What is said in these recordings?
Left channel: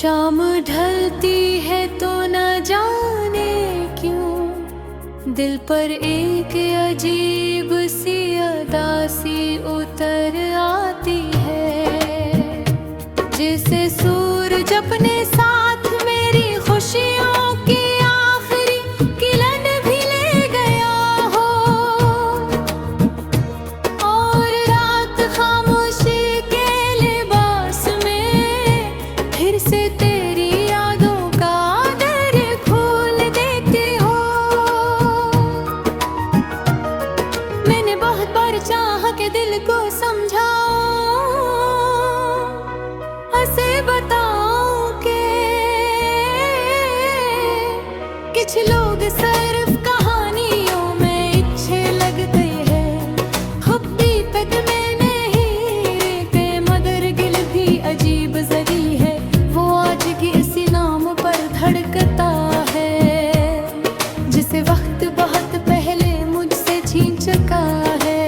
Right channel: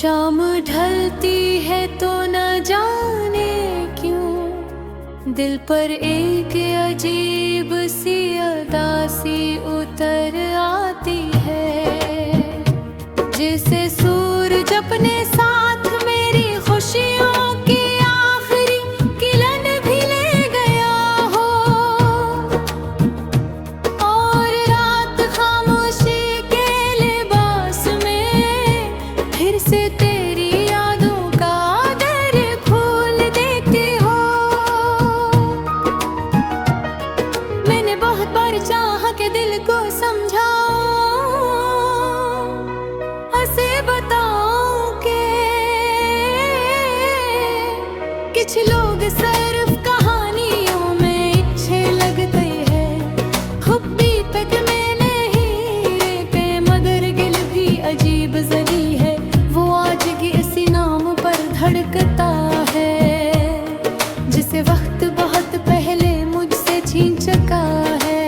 शाम ढलती है तो न जाने क्यों दिल पर एक अजीब सी उदासी उतर आती है। जैसे सूरज अपने साथ मेरी खुशियों की आखिरी किरण भी ले गया हो, और रात खामोशी के लिबास में फिर से तेरी यादों का दर खोल देती हो। मैंने बहुत बार चाहा कि दिल को समझाऊं, ऐसे बताऊं कि कुछ लोग सिर्फ कहानियों में अच्छे लगते हैं। हुब्बी तक में नहीं रहते मगर गिल भी अजीब जरी है। वो आज की इसी नाम पर धड़कता है जिसे वक्त बहुत पहले मुझसे छीन चुका है।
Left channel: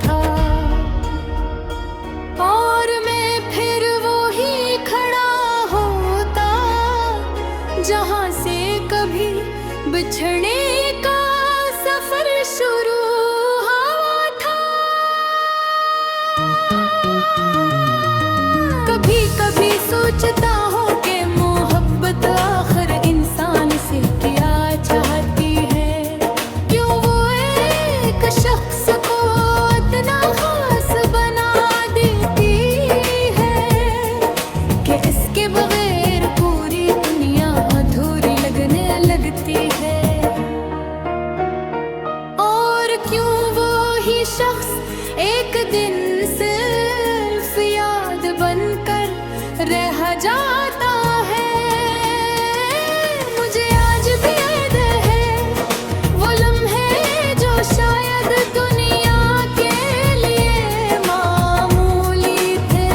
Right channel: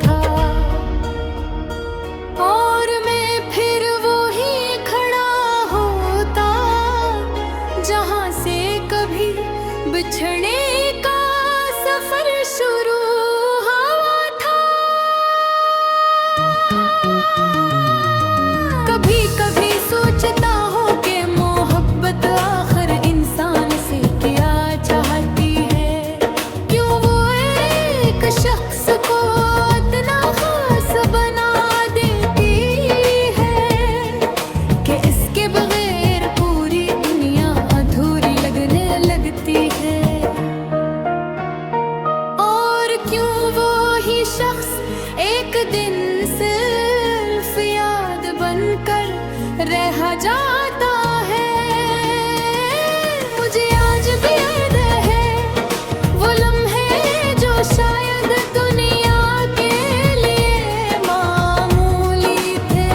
था और मैं फिर वो ही खड़ा होता जहां से कभी बिछड़ने का सफर शुरू हुआ था। कभी कभी सोचता हूँ कि मोहब्बत आखिर इंसान से क्या चाहती है। क्यों वो एक शख्स को इतना खास बना देती है कि इसके बगैर पूरी दुनिया अधूरी लगने लगती है। और क्यों वो ही शख्स एक दिन सिर्फ याद बनकर रह जाता है। मुझे आज भी याद है वो लम्हे जो शायद दुनिया के लिए मामूली थे,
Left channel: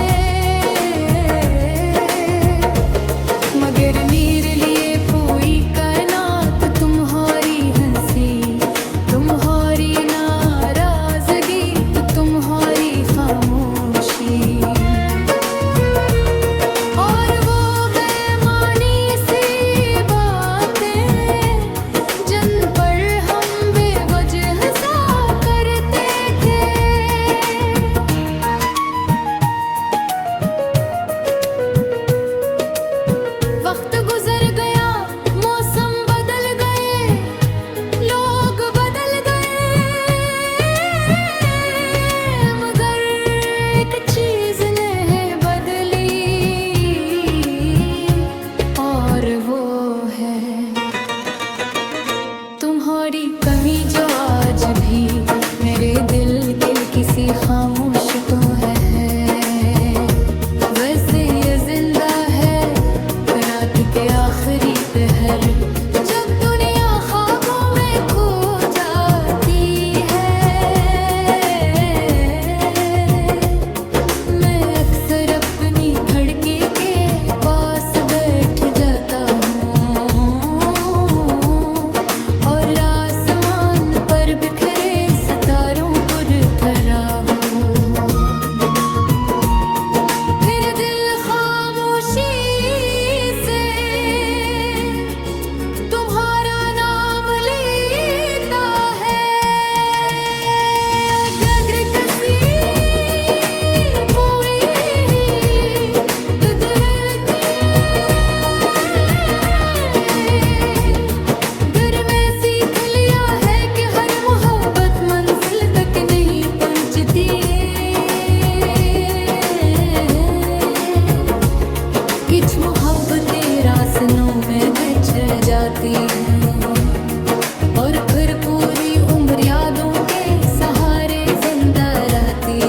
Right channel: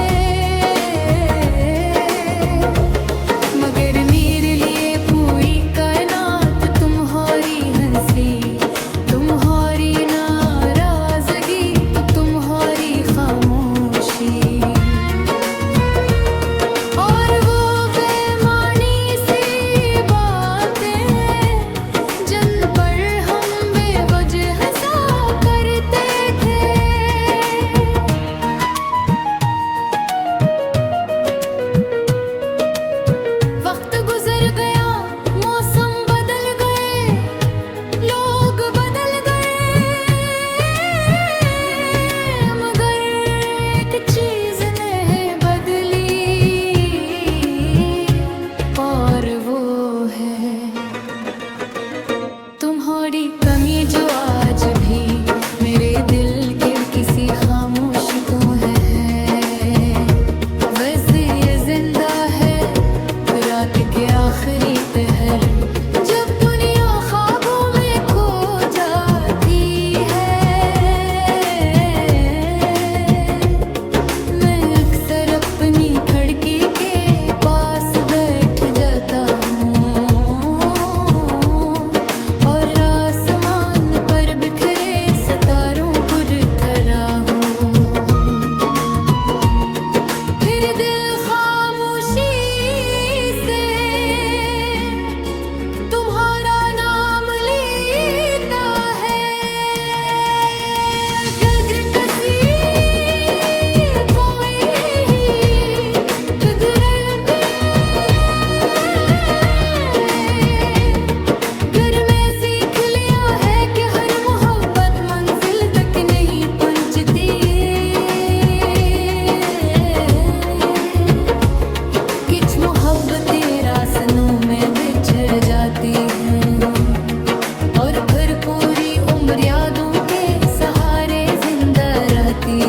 मगर मेरे लिए पूरी कायनात तुम्हारी हंसी, तुम्हारी नाराजगी, तुम्हारी खामोशी। और वो बेमानी सी बातें जिन पर हम बेवजह सा करते थे। वक्त गुजर गया, मौसम बदल गए, लोग बदल गए, मगर एक चीज नहीं बदली, और वो है तुम्हारी कमी जो आज भी मेरे दिल के किसी खामोश तो है। वैसे ये जिंदा है रात के आखिरी पहर, जब दुनिया ख्वाबों में खो जाती है। मैं अक्सर अपनी खिड़की के पास बैठ जाता हूँ और आसमान पर बिखरे सितारों पर खड़ा हूँ। फिर दिल खामोशी से तुम्हारा नाम लेता है। गगन कसी पोई कुदरत घर में सीख लिया है कि हर मोहब्बत मंजिल तक नहीं पहुंचती। कुछ मोहब्बतें रास्तों में बिछड़ जाती हैं और फिर पूरी उम्र यादों के सहारे जिंदा रहती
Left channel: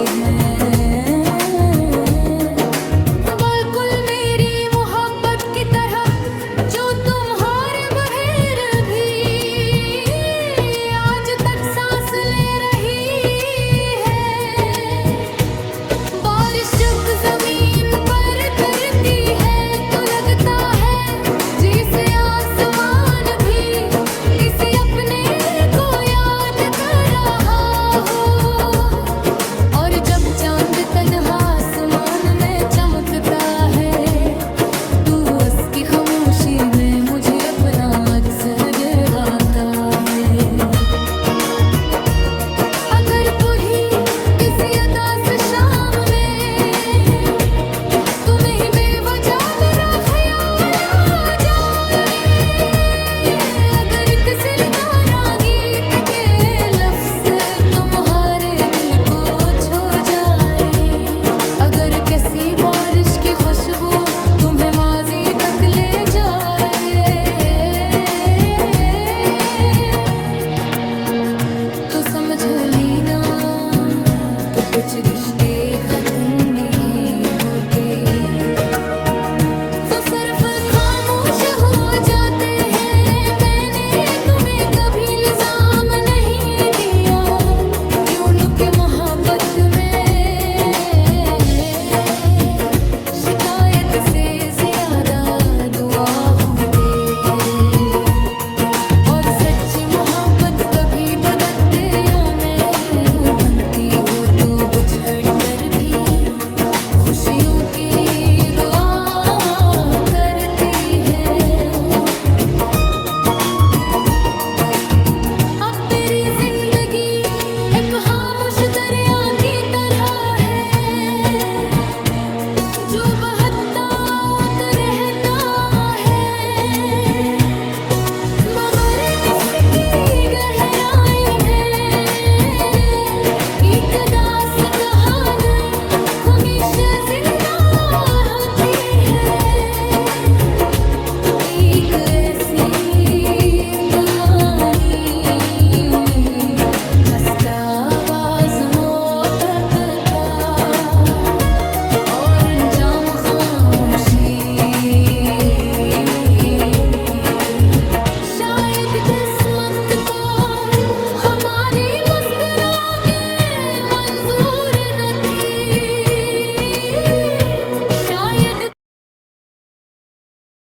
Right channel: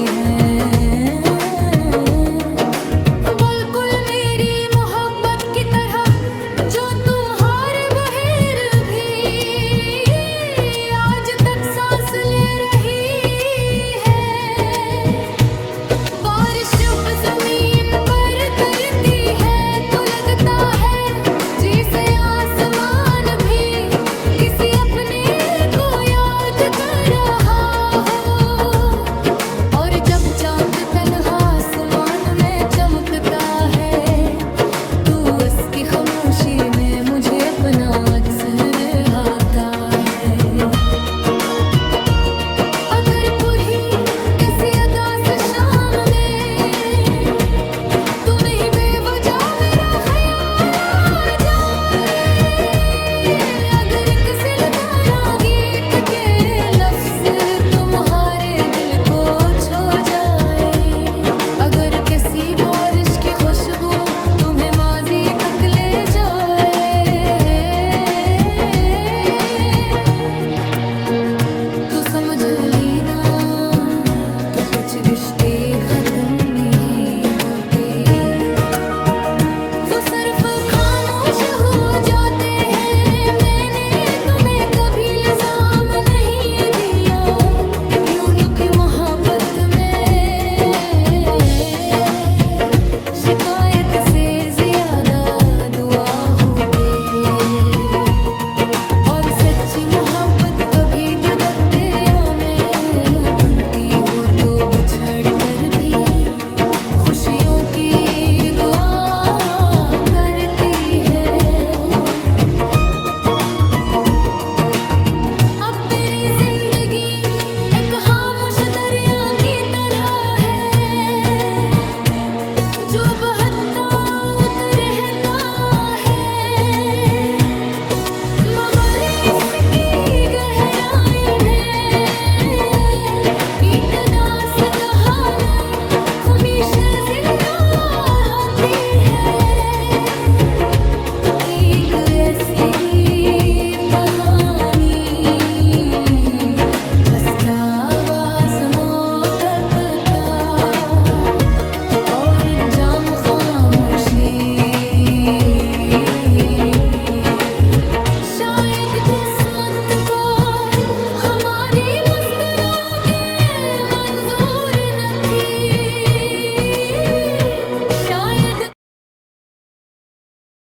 खामोशी में मुझे अपना अक्सर आता है। अगर पूरी किसी अदास शाम में तुम्हें ही बेवजह मेरा ख्याल आ जाए, अगर किसी लतारा गीत के लफ्ज तुम्हारे दिल को छू जाए, अगर किसी बारिश की खुशबू तुम्हें माजी तक ले जाए, तो समझ लेना तो कुछ रिश्ते खत्म